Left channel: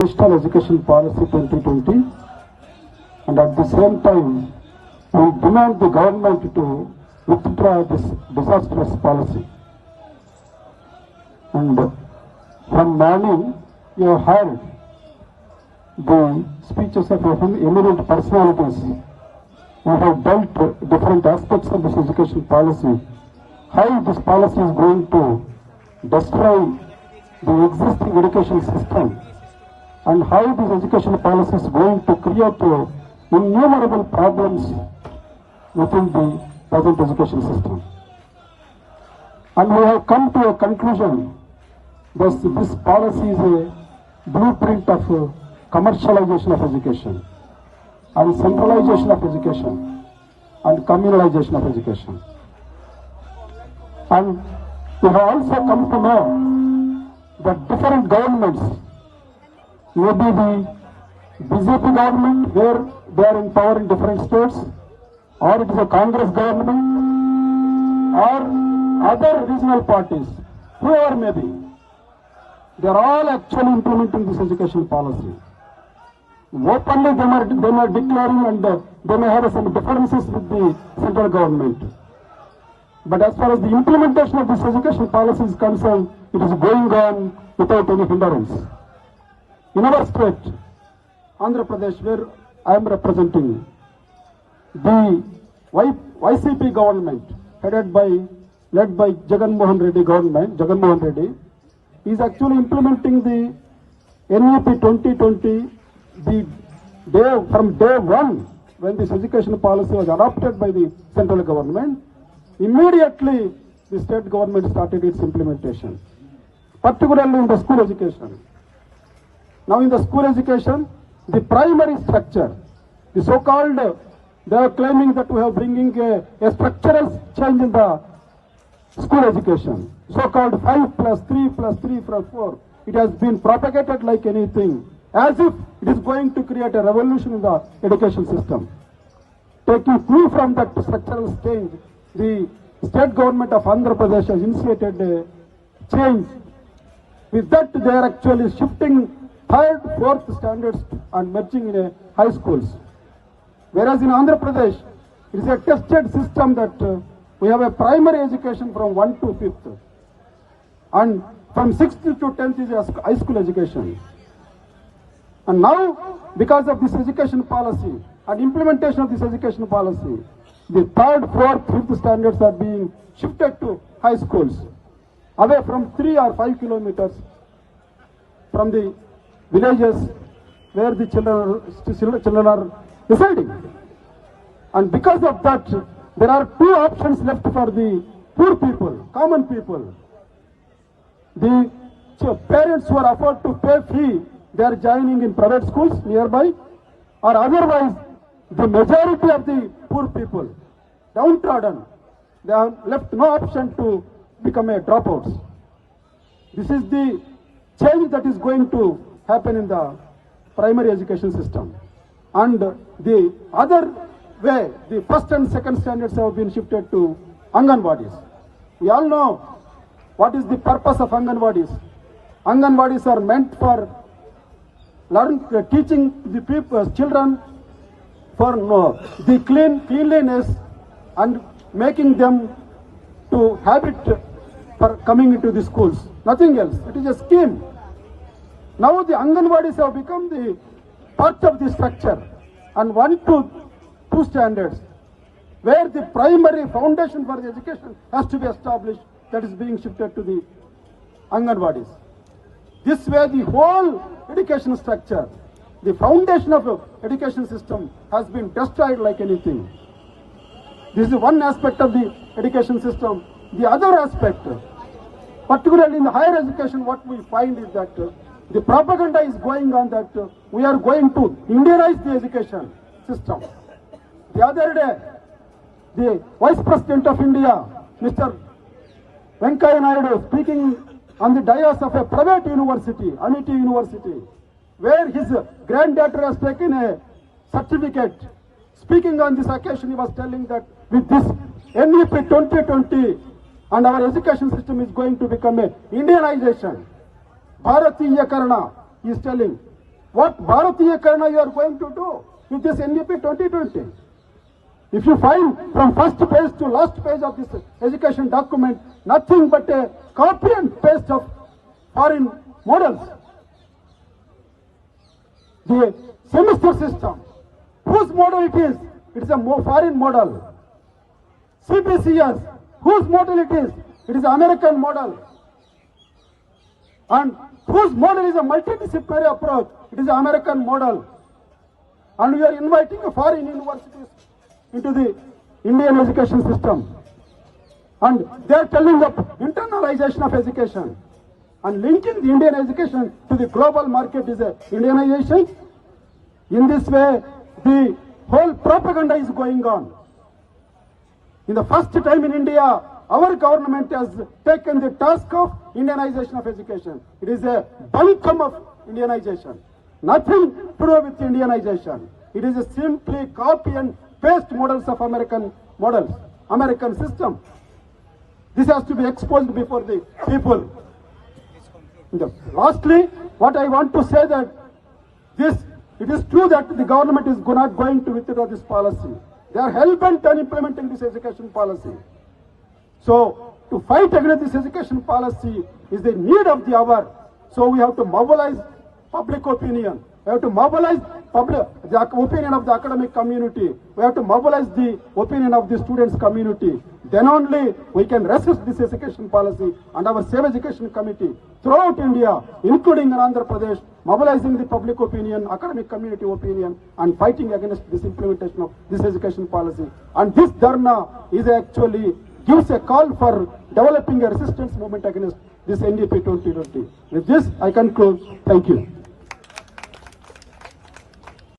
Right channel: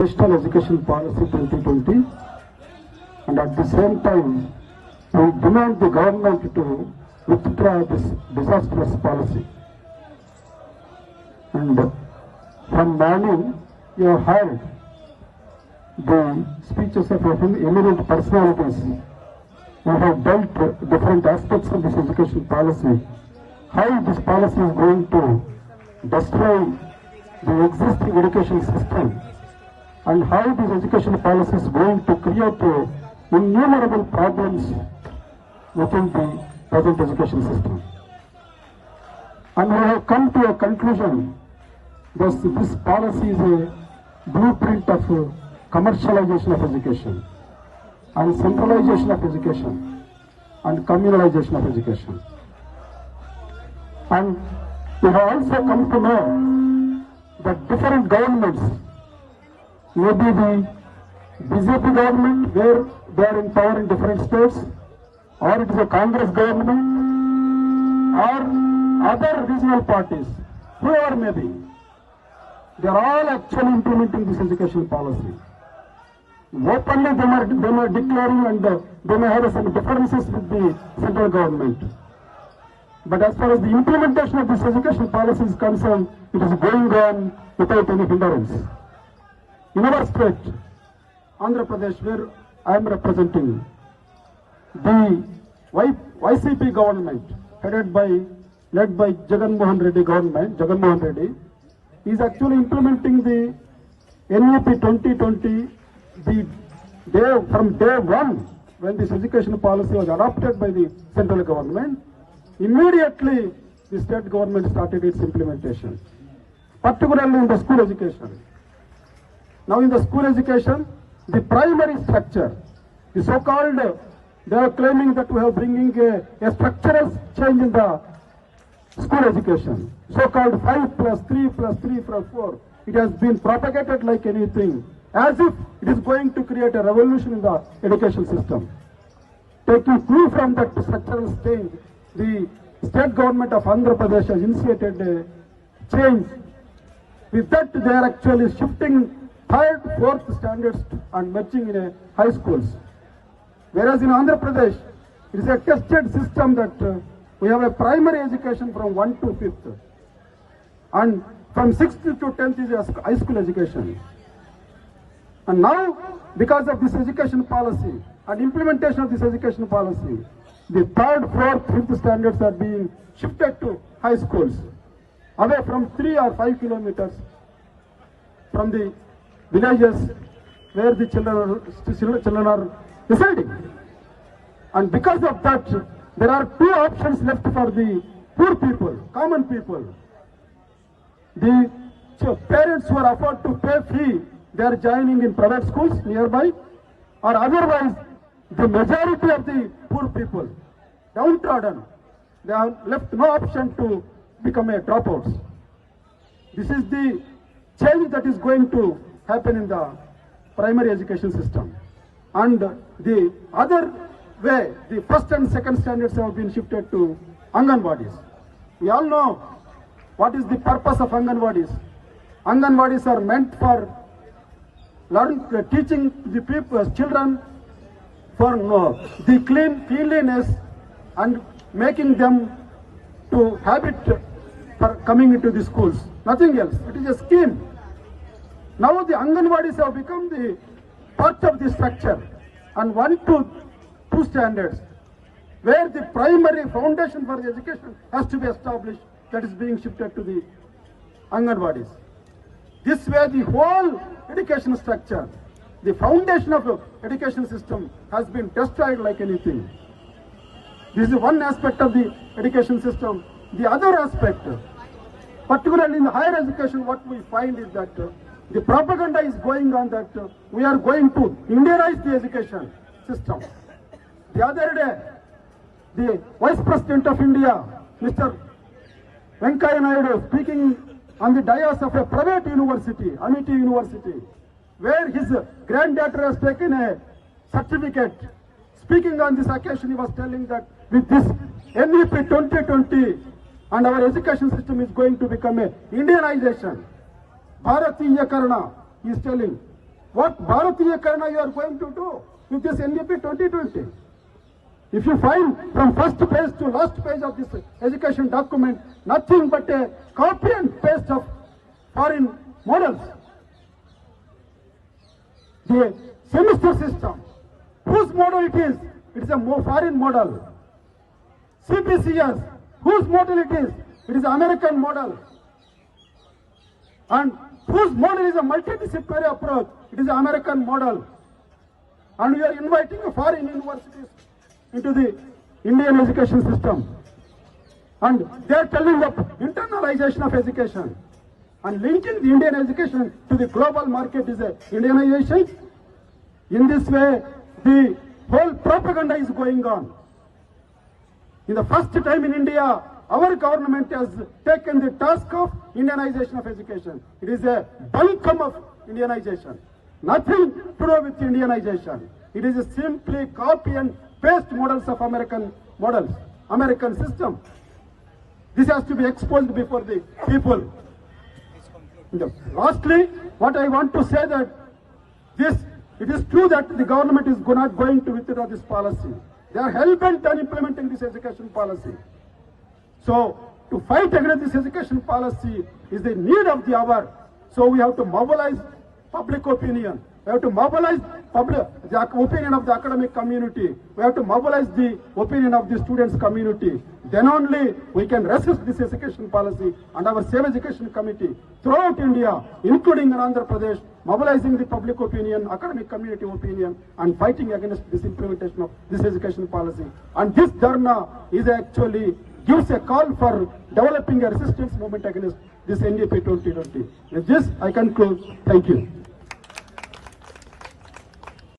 National Education Policy 2020, and at the same time we demand the government to withdraw this disastrous policy. And from morning you have heard the speeches of eminent personalities who have dealt different aspects of this education policy, how this policy is going to destroy the existing education system, and how this education policy is going to create innumerable problems within the present education system. And we have come to a conclusion that this policy is a blueprint of commercialization of education, and centralization of education, and communalization of education. And we have also come to know that different governments, maybe the BJP government where they are in power in different states, or it is a Congress government, or other regional parties, whoever may be, they are all actually implementing this education policy. Openly they are declaring, and they may have some differences with the central government. But as far as the implementation of this education policy is concerned, it is going on without any hindrance. In our state, Andhra Pradesh, where I am representing, the YCP government, led by Jagannath Reddy, is actually implementing the NEP 2020 from day one, when this education policy was adopted by the central government. Immediately the state government started its implementation, particularly in the school education. Now in the school education, the primary structure, the so-called, they are claiming that we are bringing a structural change in the school education, so-called 5+3+3+4. It has been propagated like anything, as if it is going to create a revolution in the education system. Taking clue from that structural change, the state government of Andhra Pradesh has initiated a change. With that, they are actually shifting 3rd, 4th standards and merging in a high schools. Whereas in Andhra Pradesh, it is a tested system that we have a primary education from 1 to 5th. And from 6th to 10th is a high school education. And now, because of this education policy and implementation of this education policy, the 3rd, 4th, 5th standards are being shifted to high schools, away from 3 or 5 kilometers from the villages where the children are residing. And because of that, there are 2 options left for the poor people, common people. The parents who are afford to pay fee, they are joining in private schools nearby, or otherwise the majority of the poor people, downtrodden, they have left no option to become a dropouts. This is the change that is going to happen in the primary education system. And the other way, the 1st and 2nd standards have been shifted to Anganwadis. We all know what is the purpose of Anganwadis. Anganwadis are meant for teaching the children for the cleanliness and making them to habit for coming into the schools. Nothing else. It is a scheme. Now the Anganwadis have become the part of the structure, and 1 to 2 standards, where the primary foundation for the education has to be established, that is being shifted to the Anganwadis. This way the whole education structure, the foundation of the education system has been destroyed like anything. This is one aspect of the education system. The other aspect, particularly in the higher education, what we find is that the propaganda is going on that we are going to Indianize the education system. The other day, the Vice President of India, Mr. Venkaiah Naidu, speaking on the dais of a private university, Amity University, where his granddaughter has taken a certificate. Speaking on this occasion, he was telling that with this NEP 2020 and our education system is going to become a Indianization. Bharatiyakarana, he is telling. what Bharatiya Karna you are going to do with this NDP 2020. If you find from first page to last page of this education document, nothing but a copy and paste of foreign models. The semester system, whose model it is? It is a foreign model. CBCS, whose model it is? It is American model. And whose model is a multidisciplinary approach? It is the American model. And we are inviting foreign universities into the Indian education system. And they are telling of internalization of education. And linking the Indian education to the global market is a Indianization. In this way, the whole propaganda is going on. In the first time in India, our government has taken the task of Indianization of education. It is a buncombe of Indianization. Nothing to do with Indianization. It is a simply copy and paste models of American models, American system. This has to be exposed before the people. Lastly, what I want to say that it is true that the government is not going to withdraw this policy. They are hell-bent on implementing this education policy. So, to fight against this education policy is the need of the hour. So, we have to mobilize public opinion. We have to mobilize the opinion of the academic community. We have to mobilize the opinion of the students' community. Then only we can resist this education policy, and our Save Education Committee throughout India, including in Andhra Pradesh, mobilizing the public opinion, academic community opinion, and fighting against this implementation of this education policy. And this dharna is actually gives a call for developing a resistance movement against this NDP 2020. With this, I conclude. Thank you.